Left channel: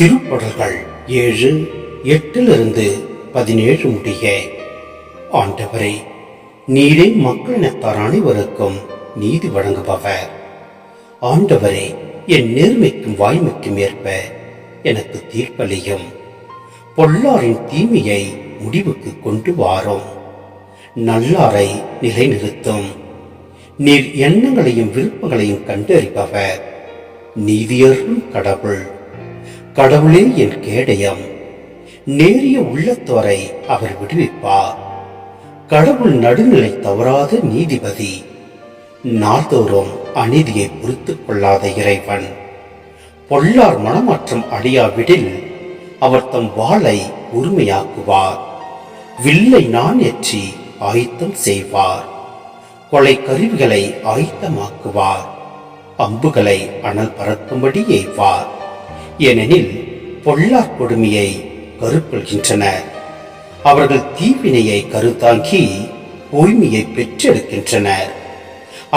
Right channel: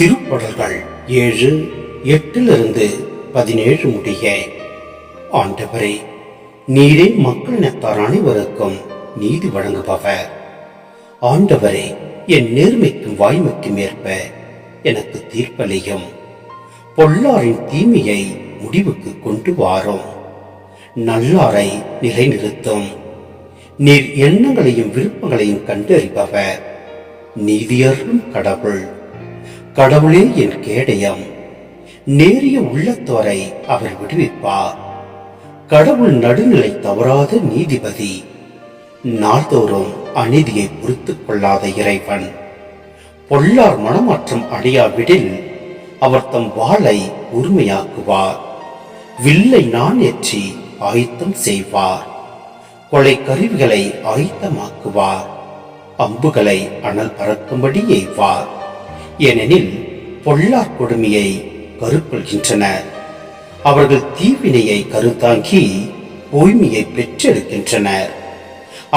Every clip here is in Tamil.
திருப்பாடல்கள் 7:8-17 முடிய. ஆண்டவரே, நீரே மக்களினத்தார் அனைவருக்கும் நீதி வழங்குபவர். ஆண்டவரே, என் நேர்மைக்கும் வாய்மைக்கும் ஏற்ப எனக்கு தீர்ப்பளியும். பொல்லாரின் தீமையை முடிவுக்கு கொண்டு வாரும். நல்லாரை நிலைநிறுத்தும். நீர் எண்ணங்களையும் விருப்பங்களையும் கண்டறிபவர். நீதியரும் கடவுள். கடவுளே என் கேடயம். நேரிய உள்ளத்தோரை அவர் விடுவிப்பார். கடவுள் நடுநிலை தவறாத நீதிபதி. நாள்தோறும் அநீதியை பொறுத்துக் கொள்ளாத இறைவன். பொல்லார் மனமாற்றம் அடையாவிடில் அவர் தம் வாளை உரிமையாக்குவார். வில்லை ஏற்றி ஆயத்தம் செய்வார். கொலை கருவிகளை ஆயத்தமாக்குவார். அம்புகளை அனல் பறக்கும்படி எய்வார். ஏனெனில் பொல்லார் கொடுமையை கருக்கொள்கின்றனர். அவர்கள் தீவினையை கருத்தாங்கி பொய்மையை பெற்றெடுக்கின்றனர்.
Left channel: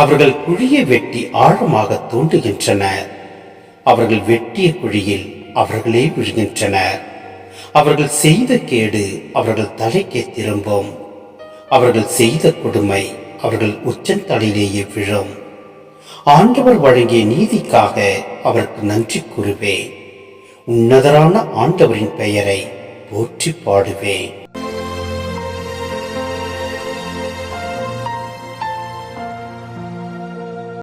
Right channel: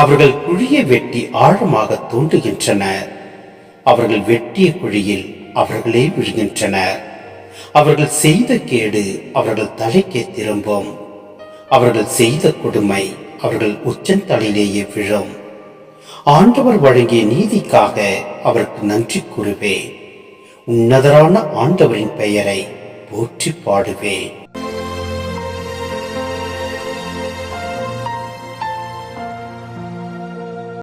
அவர்கள் குழியை வெட்டி ஆழமாக தோண்டுகின்றனர். அவர்கள் வெட்டிய குழியில் அவர்களே விழுகின்றனர். அவர்கள் செய்த கேடு அவர்கள் தலைக்கே திரும்பும். அவர்கள் செய்த கொடுமை அவர்கள் உச்சந்தலையிலேயே விழும். ஆண்டவர் வழங்கிய நீதிக்காக அவருக்கு நன்றி கூறுவேன். உன்னதரான ஆண்டவரின் பெயரை போற்றி பாடுவேன்.